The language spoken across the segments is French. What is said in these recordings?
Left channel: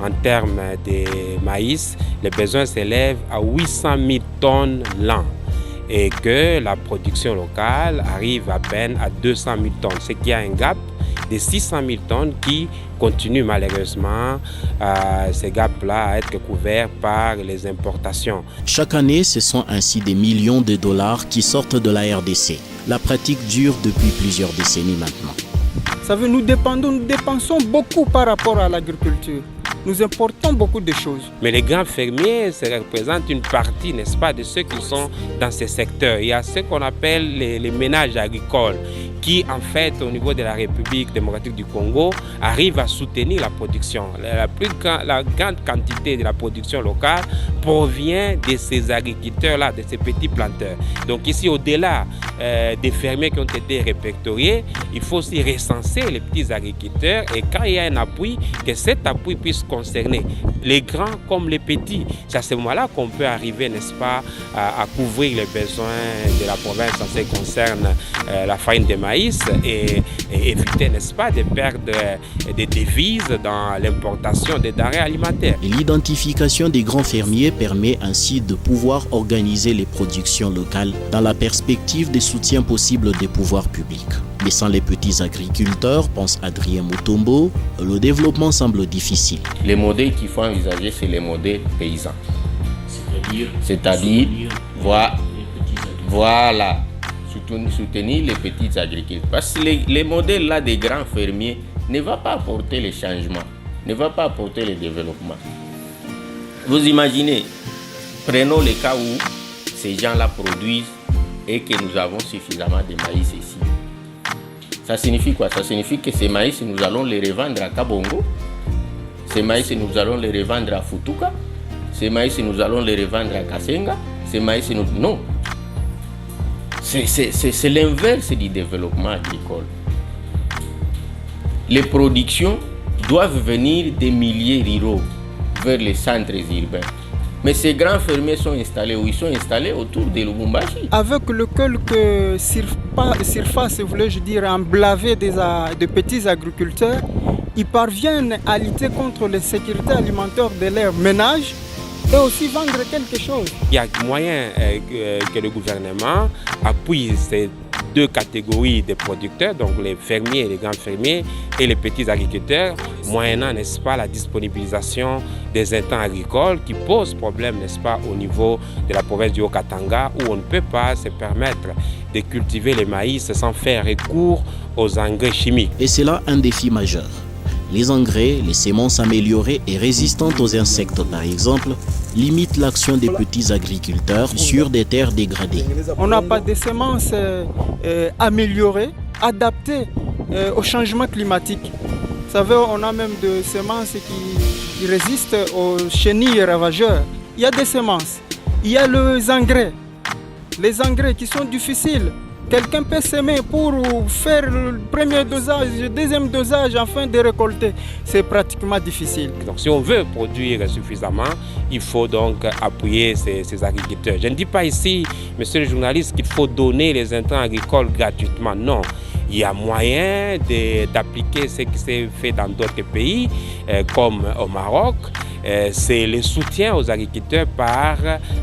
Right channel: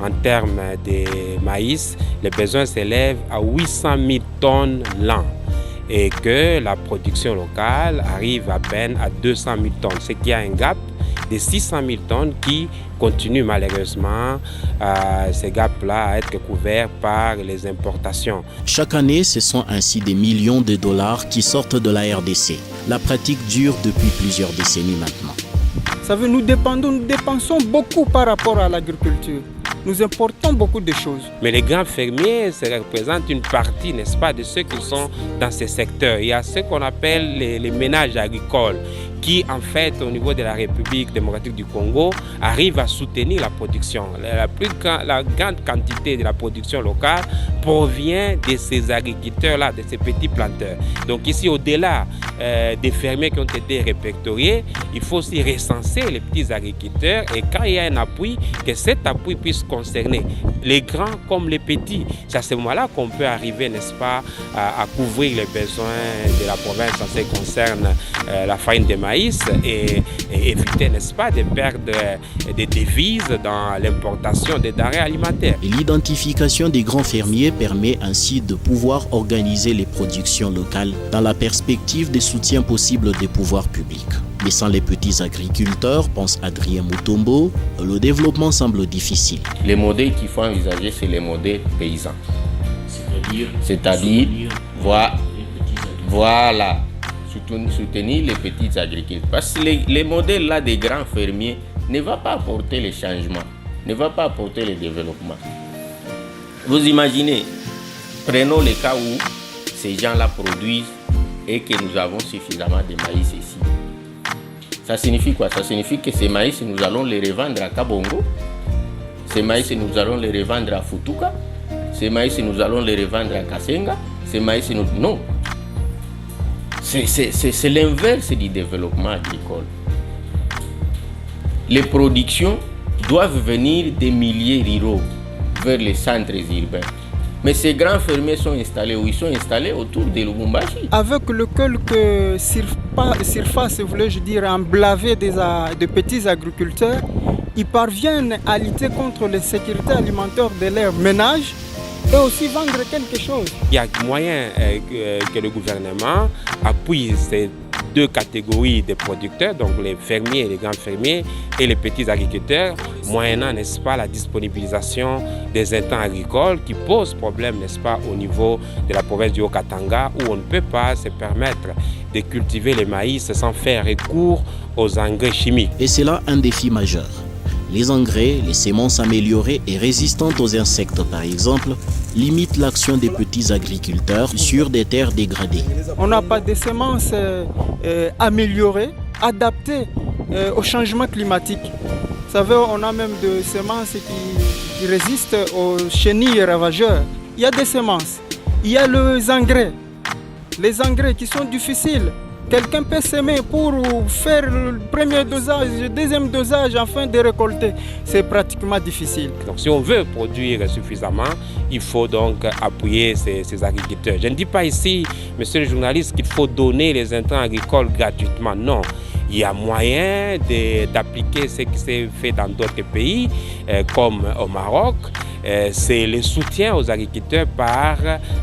En termes de maïs, les besoins s'élèvent à 800 000 tonnes l'an et que la production locale arrive à peine à 200 000 tonnes, ce qui a un gap de 600 000 tonnes qui continue malheureusement ce gap-là à être couvert par les importations. Vous savez, nous dépensons beaucoup par rapport à l'agriculture. Nous importons beaucoup de choses. Mais les grands fermiers, ça représente une partie, n'est-ce pas, de ceux qui sont dans ces secteurs. Il y a ce qu'on appelle les ménages agricoles qui, en fait, au niveau de la République démocratique du Congo, arrivent à soutenir la production. La grande quantité de la production locale provient de ces agriculteurs-là, de ces petits planteurs. Donc ici, au-delà des fermiers qui ont été répertoriés, il faut aussi recenser les petits agriculteurs et quand il y a un appui, que cet appui puisse concerner les grands comme les petits. C'est à ce moment-là qu'on peut arriver, n'est-ce pas, à couvrir les besoins de la province en ce qui concerne la farine de maïs et éviter, n'est-ce pas, de perdre des devises dans l'importation des denrées alimentaires. Les modèles qu'il faut envisager, c'est les modèles paysans. C'est-à-dire voilà, soutenir les petits agriculteurs. Parce que les modèles là des grands fermiers ne vont pas apporter les changements, ne vont pas apporter le développement. Vous imaginez, prenons le cas où ces gens-là produisent et que nous avons suffisamment de maïs ici. Ça signifie quoi? Ça signifie que ces maïs, nous allons les revendre à Kabongo. Ces maïs, nous allons les revendre à Futuka. Ces maïs, nous allons les revendre à Kasenga. Ces maïs, non. C'est l'inverse du développement agricole. Les productions doivent venir des milieux ruraux vers les centres urbains. Mais ces grands fermiers sont installés où? Ils sont installés autour de Lubumbashi. Avec le quelques surfaces, voulais-je dire, emblavées de petits agriculteurs, ils parviennent à lutter contre l'insécurité alimentaire de leurs ménages et aussi vendre quelque chose. Il y a moyen que le gouvernement appuie ces deux catégories de producteurs, donc les fermiers, les grands fermiers et les petits agriculteurs, moyennant, n'est-ce pas, la disponibilisation des intrants agricoles qui posent problème, n'est-ce pas, au niveau de la province du Haut-Katanga où on ne peut pas se permettre de cultiver le maïs sans faire recours aux engrais chimiques. On n'a pas de semences améliorées, adaptées au changement climatique. Vous savez, on a même des semences qui résistent aux chenilles ravageurs. Il y a des semences, il y a les engrais qui sont difficiles. Quelqu'un peut s'aimer pour faire le premier dosage, le deuxième dosage afin de récolter. C'est pratiquement difficile. Donc si on veut produire suffisamment, il faut donc appuyer ces agriculteurs. Je ne dis pas ici, monsieur le journaliste, qu'il faut donner les intrants agricoles gratuitement. Non. Il y a moyen d'appliquer ce qui s'est fait dans d'autres pays, comme au Maroc. C'est le soutien aux agriculteurs par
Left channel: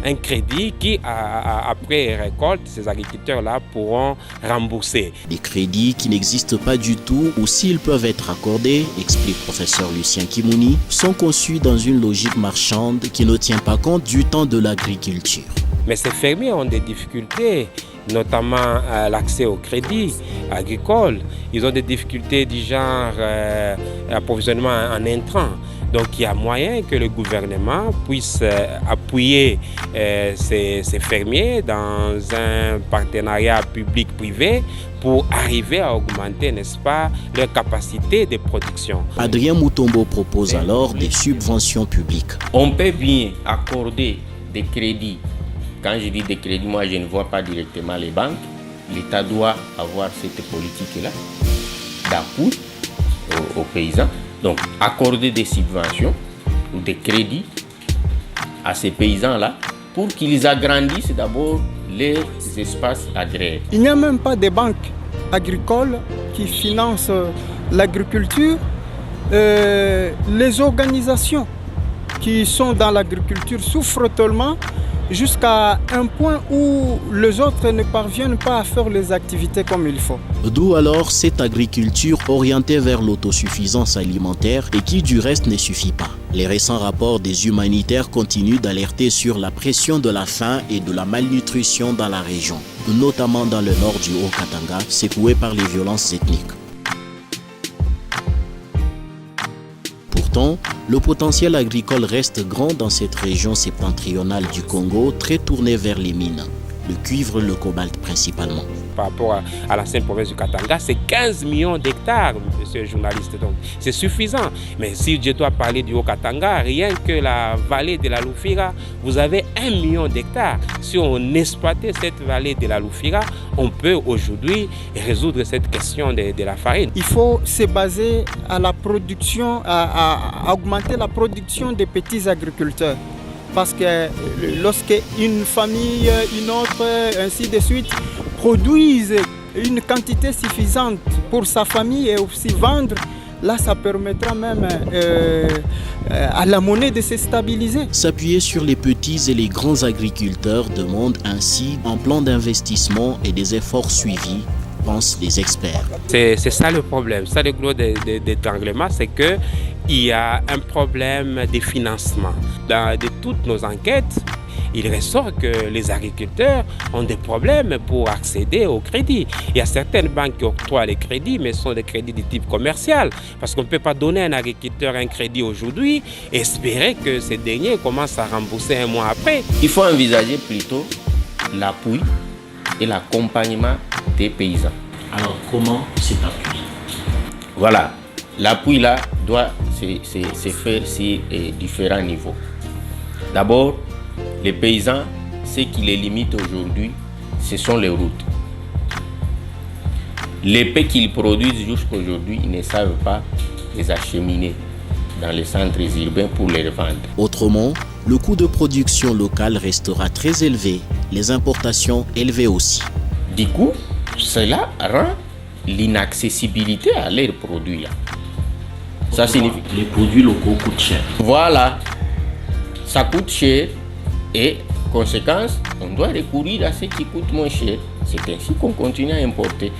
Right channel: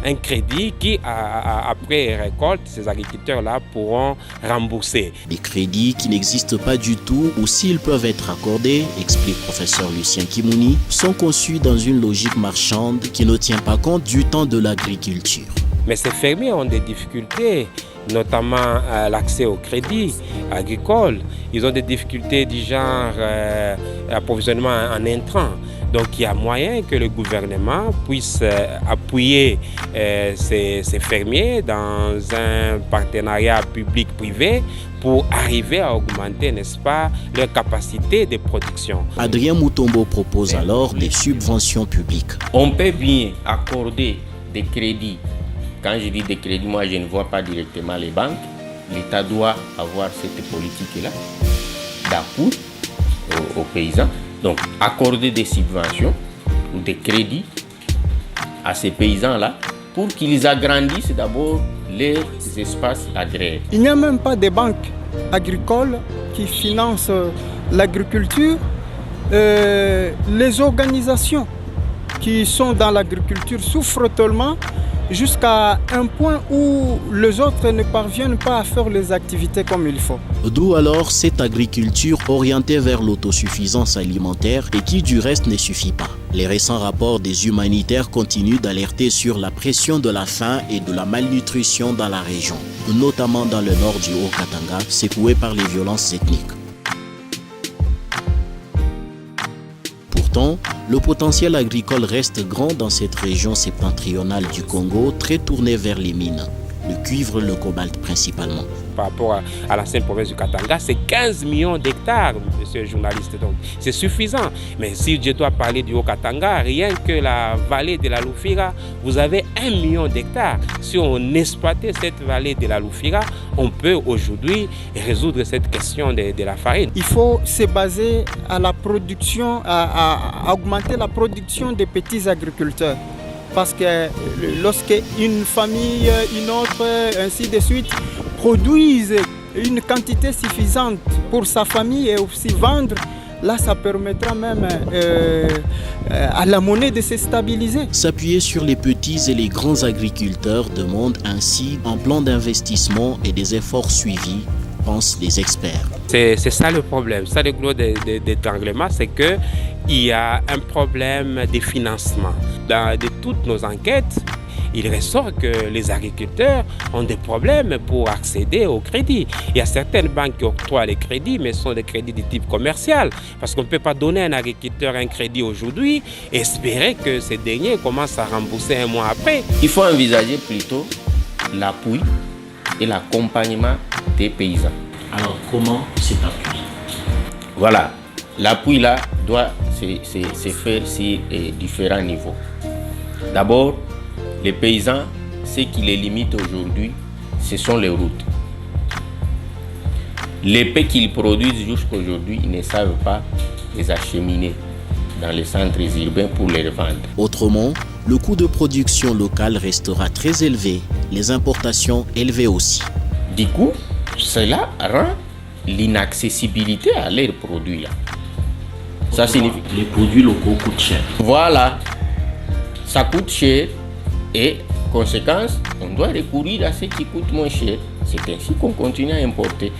un crédit qui, après récolte, ces agriculteurs-là pourront rembourser. Mais ces fermiers ont des difficultés, notamment l'accès au crédit agricole. Ils ont des difficultés du genre approvisionnement en intrants. Donc il y a moyen que le gouvernement puisse appuyer ces fermiers dans un partenariat public-privé pour arriver à augmenter, n'est-ce pas, leur capacité de production. C'est un problème. On peut bien accorder des crédits. Quand je dis des crédits, moi je ne vois pas directement les banques, l'État doit avoir cette politique-là d'appui aux paysans. Donc, accorder des subventions ou des crédits à ces paysans-là pour qu'ils agrandissent d'abord les espaces agraires. Il n'y a même pas de banques agricoles qui financent l'agriculture. Les organisations qui sont dans l'agriculture souffrent tellement jusqu'à un point où les autres ne parviennent pas à faire les activités comme il faut. Par rapport à l'ancienne province du Katanga, c'est 15 millions d'hectares, monsieur le journaliste. Donc, c'est suffisant. Mais si je dois parler du Haut-Katanga, rien que la vallée de la Lufira, vous avez 1 million d'hectares. Si on exploitait cette vallée de la Lufira, on peut aujourd'hui résoudre cette question de la farine. Il faut se baser à la production, à augmenter la production des petits agriculteurs. Parce que lorsque une famille, une autre, ainsi de suite, produisent une quantité suffisante pour sa famille et aussi vendre, là ça permettra même à la monnaie de se stabiliser. C'est ça le problème. Ça, le gros d'étranglement, c'est qu'il y a un problème de financement. De toutes nos enquêtes, il ressort que les agriculteurs ont des problèmes pour accéder au crédit. Il y a certaines banques qui octroient les crédits, mais ce sont des crédits de type commercial. Parce qu'on ne peut pas donner à un agriculteur un crédit aujourd'hui et espérer que ce dernier commence à rembourser un mois après. Il faut envisager plutôt l'appui et l'accompagnement des paysans. Alors, comment cet appui? Voilà, l'appui là doit se faire sur différents niveaux. D'abord, les paysans, ce qui les limite aujourd'hui, ce sont les routes. Les paix qu'ils produisent jusqu'à aujourd'hui, ils ne savent pas les acheminer dans les centres urbains pour les revendre. Du coup, cela rend l'inaccessibilité à leurs produits là. Ça signifie les produits locaux coûtent cher. Voilà, ça coûte cher et conséquence, on doit recourir à ce qui coûte moins cher. C'est ainsi qu'on continue à importer.